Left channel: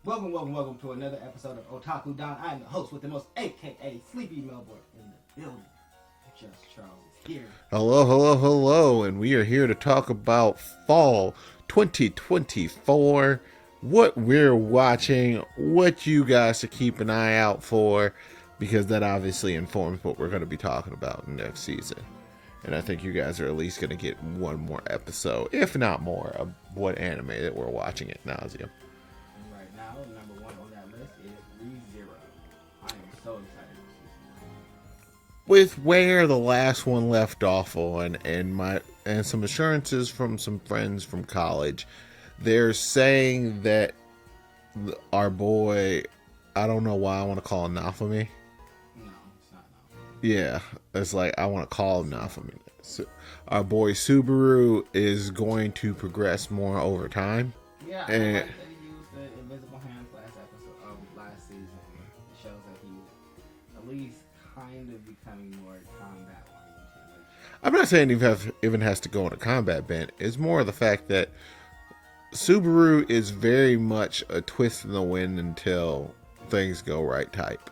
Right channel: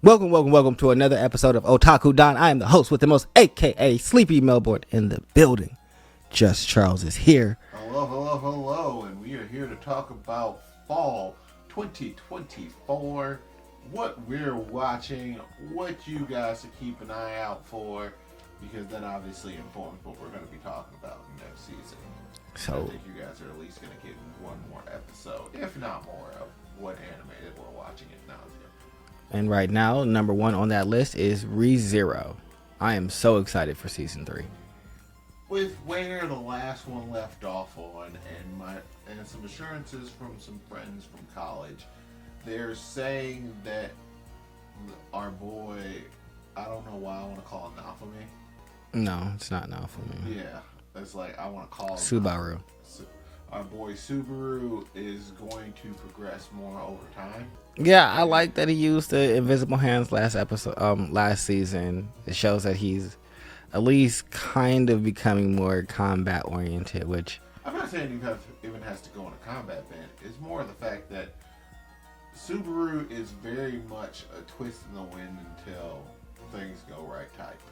Welcome to another episode of Otaku Don. I am the host with the most, aka Sleepy Melbourne in the building. Just Charles is here. Hello, and we are here to talk about fall 2024, what we're watching, what you guys should keep an eye out for, because that obviously informs what we're going to be talking about next season. And I think you guys are at least going to get one more episode, if not more, of what anime that we're watching at nauseam. And right now, number one on that list is ReZero. I am so excited for season 3. With where the last one left off on, and some assurances from some friends from college, they're saying that our boy, I don't know why I want to call him Naofumi. No, it's not Naofumi. Yeah, it's like I want to call him Subaru. Our boy Subaru is going to progress more over time. Yeah, I like that he used the invisible hands last season. It shows that he's at least kind of becoming more combat oriented, which I'm not saying he even has to go on a combat bent. It's more the fact that Subaru is very much a twist in the wind until things go right type.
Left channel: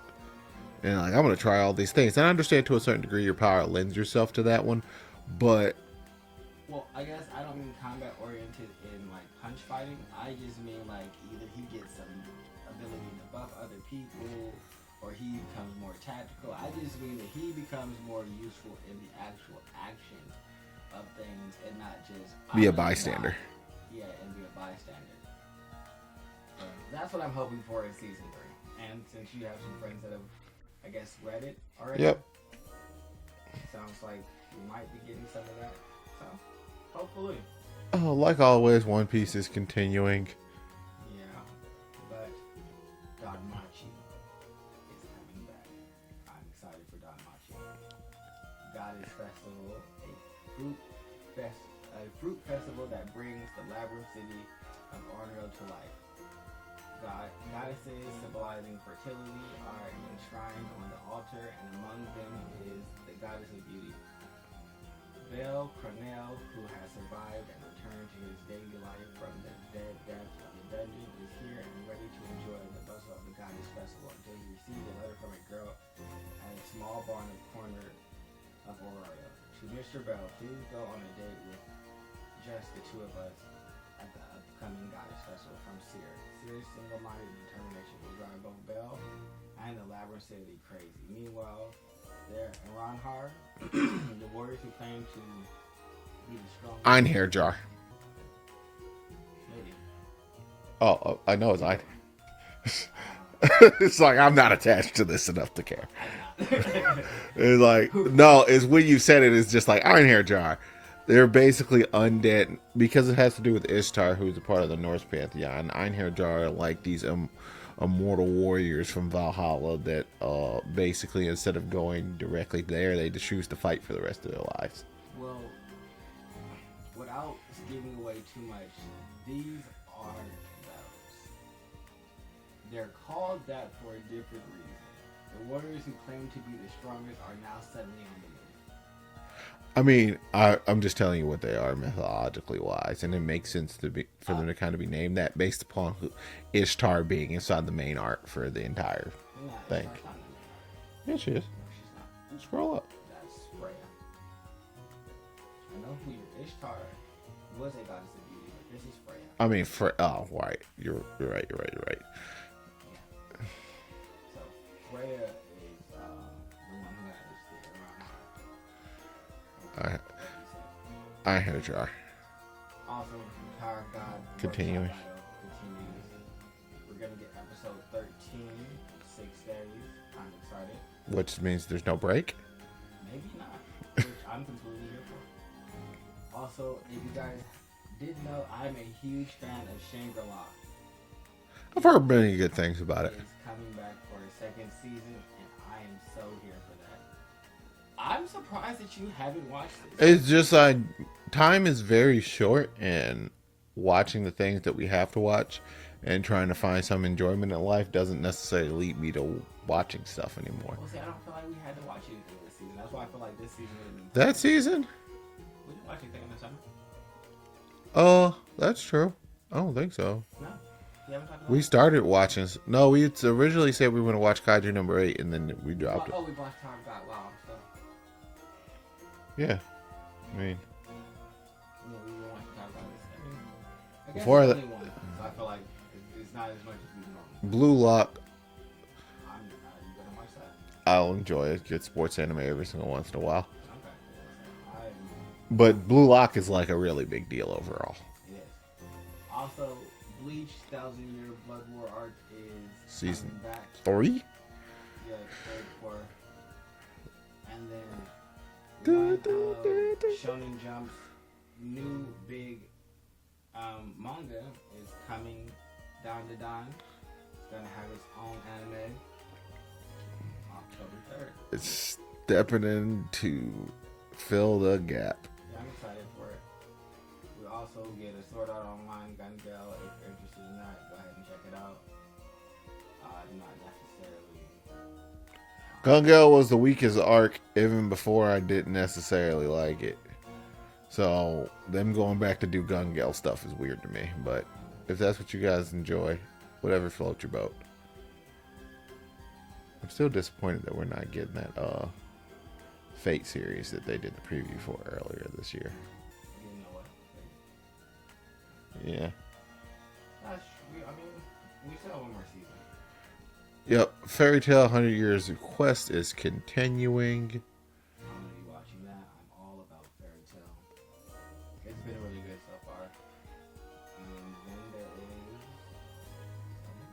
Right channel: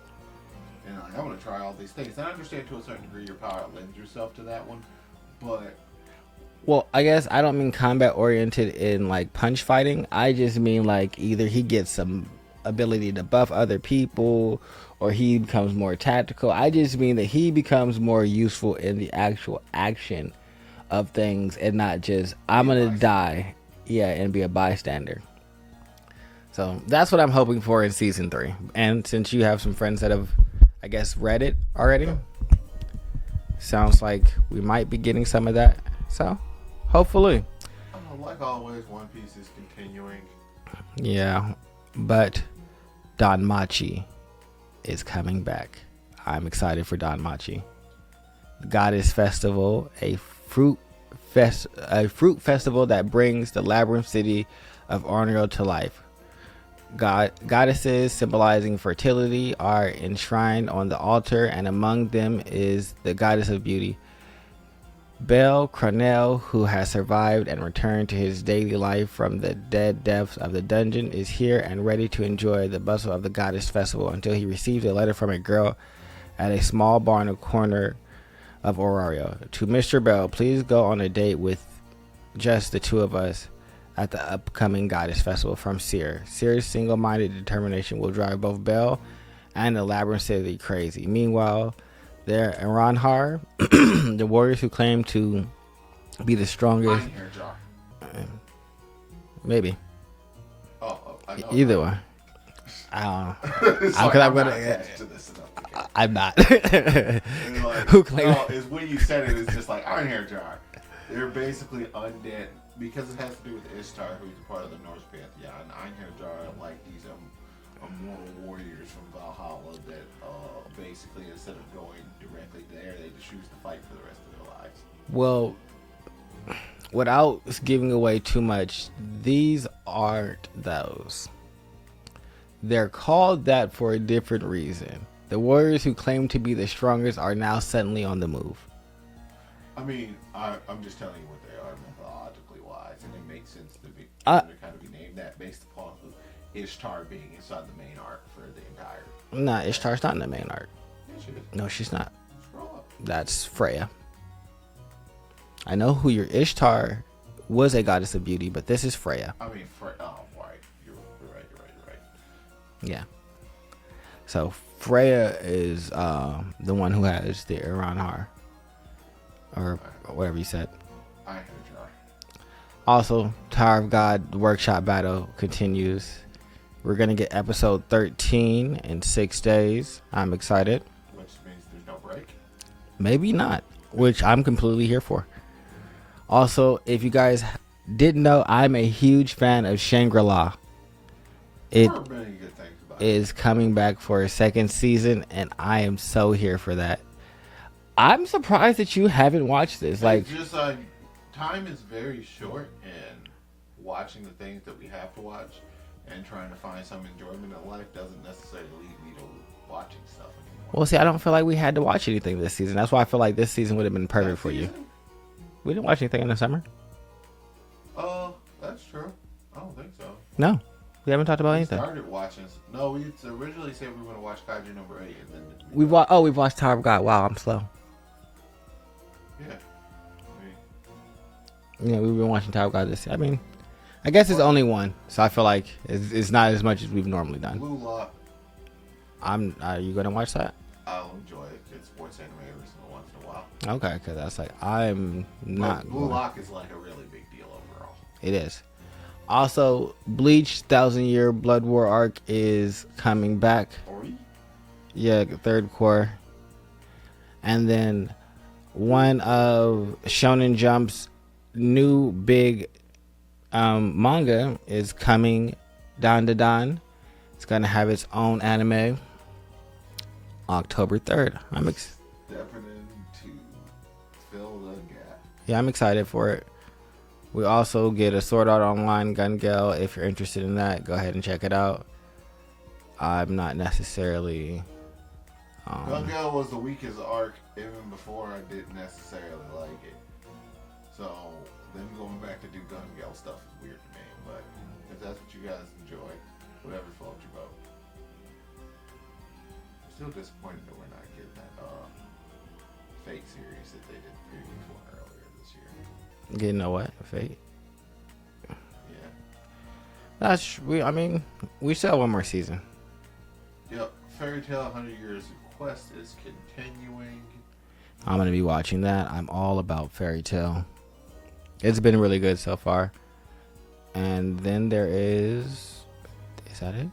And like, I'm going to try all these things. And I understand to a certain degree your power lends yourself to that one, but... Well, I guess I don't mean combat oriented in like punch fighting. I just mean like either he gets some ability to buff other people or he becomes more tactical. I just mean that he becomes more useful in the actual action of things and not just I'm going to die. Yeah, and be a bystander. So that's what I'm hoping for in season 3. And since you have some friends that have, I guess, read it already, yep. Sounds like we might be getting some of that. So hopefully. Oh, like always, One Piece is continuing. Yeah, but Danmachi is coming back. I'm excited for Danmachi. Goddess Festival, a fruit festival that brings the labyrinth city of Orneo to life. Goddesses symbolizing fertility are enshrined on the altar, and among them is the goddess of beauty. Bel Cronel, who has survived and returned to his daily life from the dead depths of the dungeon, is here and ready to enjoy the bustle of the Goddess Festival until he receives a letter from a girl at a small bar in the corner of Orario. To Mr. Bell, please go on a date with just the two of us at the upcoming Goddess Festival from Seer. Seer's single-minded determination will drive both Bell and the Labyrinth City crazy. Meanwhile, there Iranhar, the warriors who claim to be the strongest. Einherjar. Maybe. Oh, I know. Either one. I don't know. Sorry, I'm not attached to this enough to care. I'm not. It's like, no, it's when you said it, it's just like Einherjar. They're basically undead because it has to do with Ishtar, who's a part of the Norse pantheon. Einherjar are like these immortal warriors from Valhalla that basically, instead of going directly there, they just choose to fight for the rest of their lives. Well, without giving away too much, these aren't those. They're called that for a different reason. The warriors who claim to be the strongest are now suddenly on the move. I mean, I'm just telling you what they are methodologically wise, and it makes sense for them to kind of be named that based upon Ishtar being inside the main arc for the entire. Nah, Ishtar's not in the main arc. Yeah, she is. No, she's not. Scroll up. That's Freya. I know who your Ishtar was, a goddess of beauty, but this is Freya. I mean, oh, right. You're right. Yeah. So Freya is the one who has the Iranhar. Or whatever you said. Einherjar. Also, Tower of God workshop battle continues. We're going to get episode 13 in 6 days. I'm excited. Which means there's no break? Maybe not, which I'm completely here for. Also, if you guys didn't know, I'm a huge fan of Shangri-La. I've heard many good things about it. It is coming back for a second season, and I am so here for that. I'm surprised that you haven't watched this. It's just like time is very short, and watching the things that we have to watch and trying to find some enjoyment in life doesn't necessarily lead me to watching stuff anymore. Well, see, I don't feel like we had to watch anything this season. That's why I feel like this season would have been perfect. That season? We didn't watch anything in the summer. Oh, that's true. I don't think so. No. We haven't talked about We anything. started watching. No, we originally said we were going to watch Kaiju number 8, and then We've watched Tower of God. Wow, I'm slow. Yeah, I mean, Yeah, we've been watching Tower of God this. I mean, I guess it's only one, so I feel like it's not as much as we've normally done. Blue Lock. Are you gonna watch that? I'll enjoy it. Get sports anime every single once in a while. Okay, because that's like I'm. But Blue Lock is like a really big deal overall. It is. Also, Bleach 1,000-Year Blood War arc is coming back. 3? Yeah, the third core. And then one of Shonen Jump's new big manga is coming, Dan Da Dan. It's gonna have its own anime. October 3rd. I'm stepping in to fill the gap. Yeah, I'm excited for it. We also get a Sword Art Online Gun Gale. If you're interested in that, go ahead and check it out. I'm not necessarily. Gun Gale was the weakest arc even before I didn't necessarily like it. So them going back to do Gun Gale stuff is weird to me. But if that's what you guys enjoy, whatever floats your boat. I'm still disappointed that we're not getting that Fate series that they did the preview for earlier this year. Getting a what? Fate? Yeah. I mean, we still have one more season. Yep. Fairy Tail 100 Years of Quest is continuing. I'm going to be watching that. I'm all about Fairy Tail. It's been really good so far. And then there is that it?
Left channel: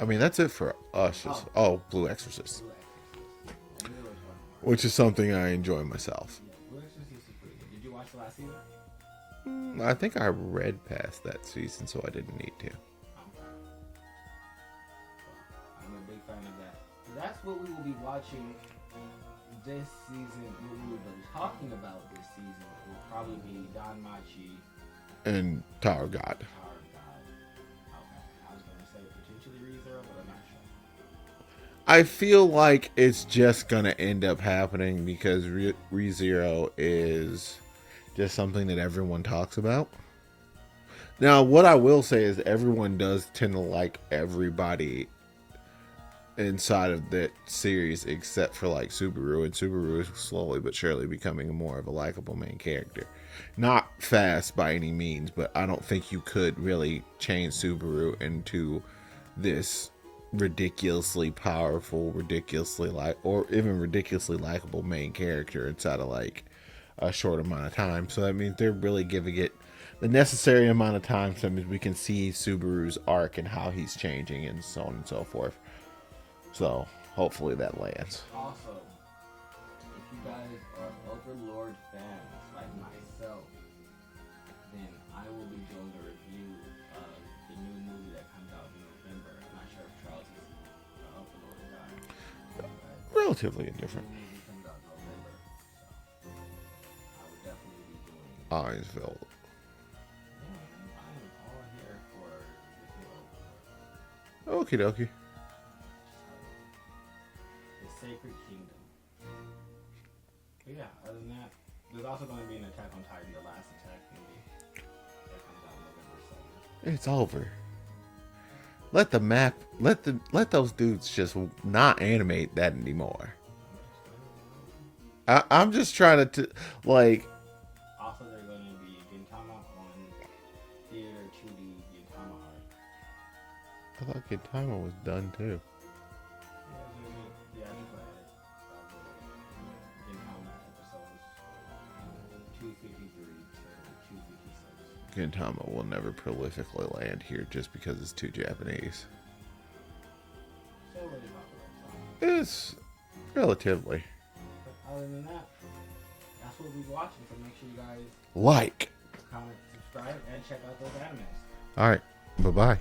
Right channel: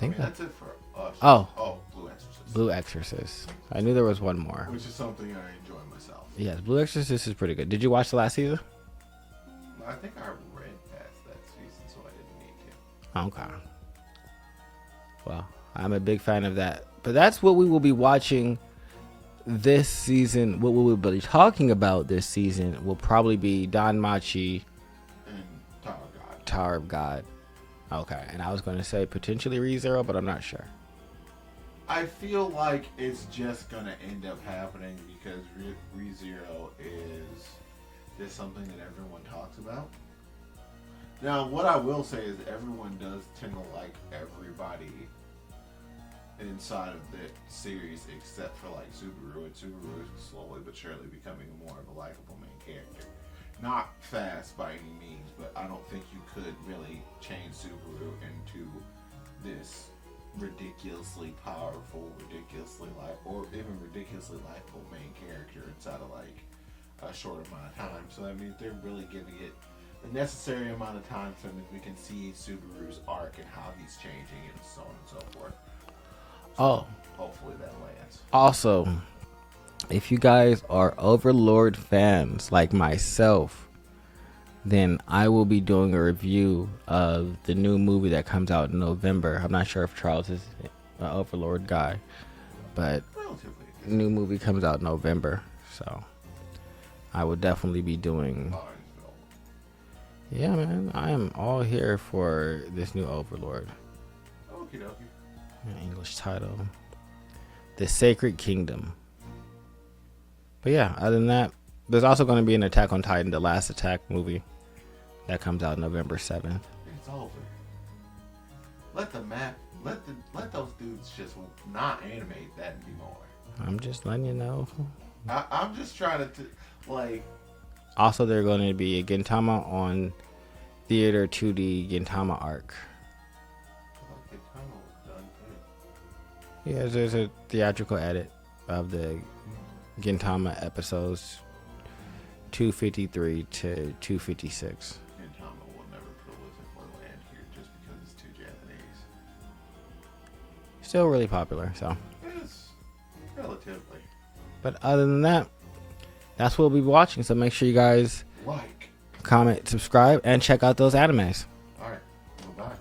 I mean, that's it for us. Oh, Blue Exorcist. Blue Exorcist. I knew there was one more. Which is something I enjoy myself. Yes, Blue Exorcist is pretty good. Did you watch the last season? I think I read past that season, so I didn't need to. Okay. Well, I'm a big fan of that. But that's what we will be watching this season. What we will be talking about this season will probably be Danmachi and Tower of God. Tower of God. Okay, and I was going to say potentially ReZero, but I'm not sure. I feel like it's just going to end up happening because ReZero is just something that everyone talks about. Now, what I will say is everyone does tend to like everybody inside of that series except for like Subaru, and Subaru is slowly but surely becoming more of a likable main character. Not fast by any means, but I don't think you could really change Subaru into this ridiculously powerful, ridiculously likable main character inside of like a short amount of time. So that means they're really giving it the necessary amount of time so we can see Subaru's arc and how he's changing and so on and so forth. So hopefully that lands. Also, if you guys are Overlord fans like myself, then I will be doing a review of the new movie that comes out in November. I'm not sure if Charles is an Overlord guy, but relatively indifferent. New movie comes out in November, so I will definitely be doing. Hinesville. Yeah, man, I am all here for this new Overlord. Okie dokie. English title, The Sacred Kingdom. But yeah, other than that, there's also going to be an Attack on Titan, The Last Attack movie that comes out November 7th. It's over. Let those dudes just not animate that anymore. I'm just letting you know. I'm just trying to like. Also, there's going to be a Gintama on Theater 2D Gintama arc. I thought Gintama was done too. Yeah, there's a theatrical edit of the Gintama episodes 253 to 256. Gintama will never prolifically land here just because it's too Japanese. Still really popular, so. It's relatively. But other than that, that's what we'll be watching. So make sure you guys like, comment, subscribe, and check out those animes. All right. Bye-bye.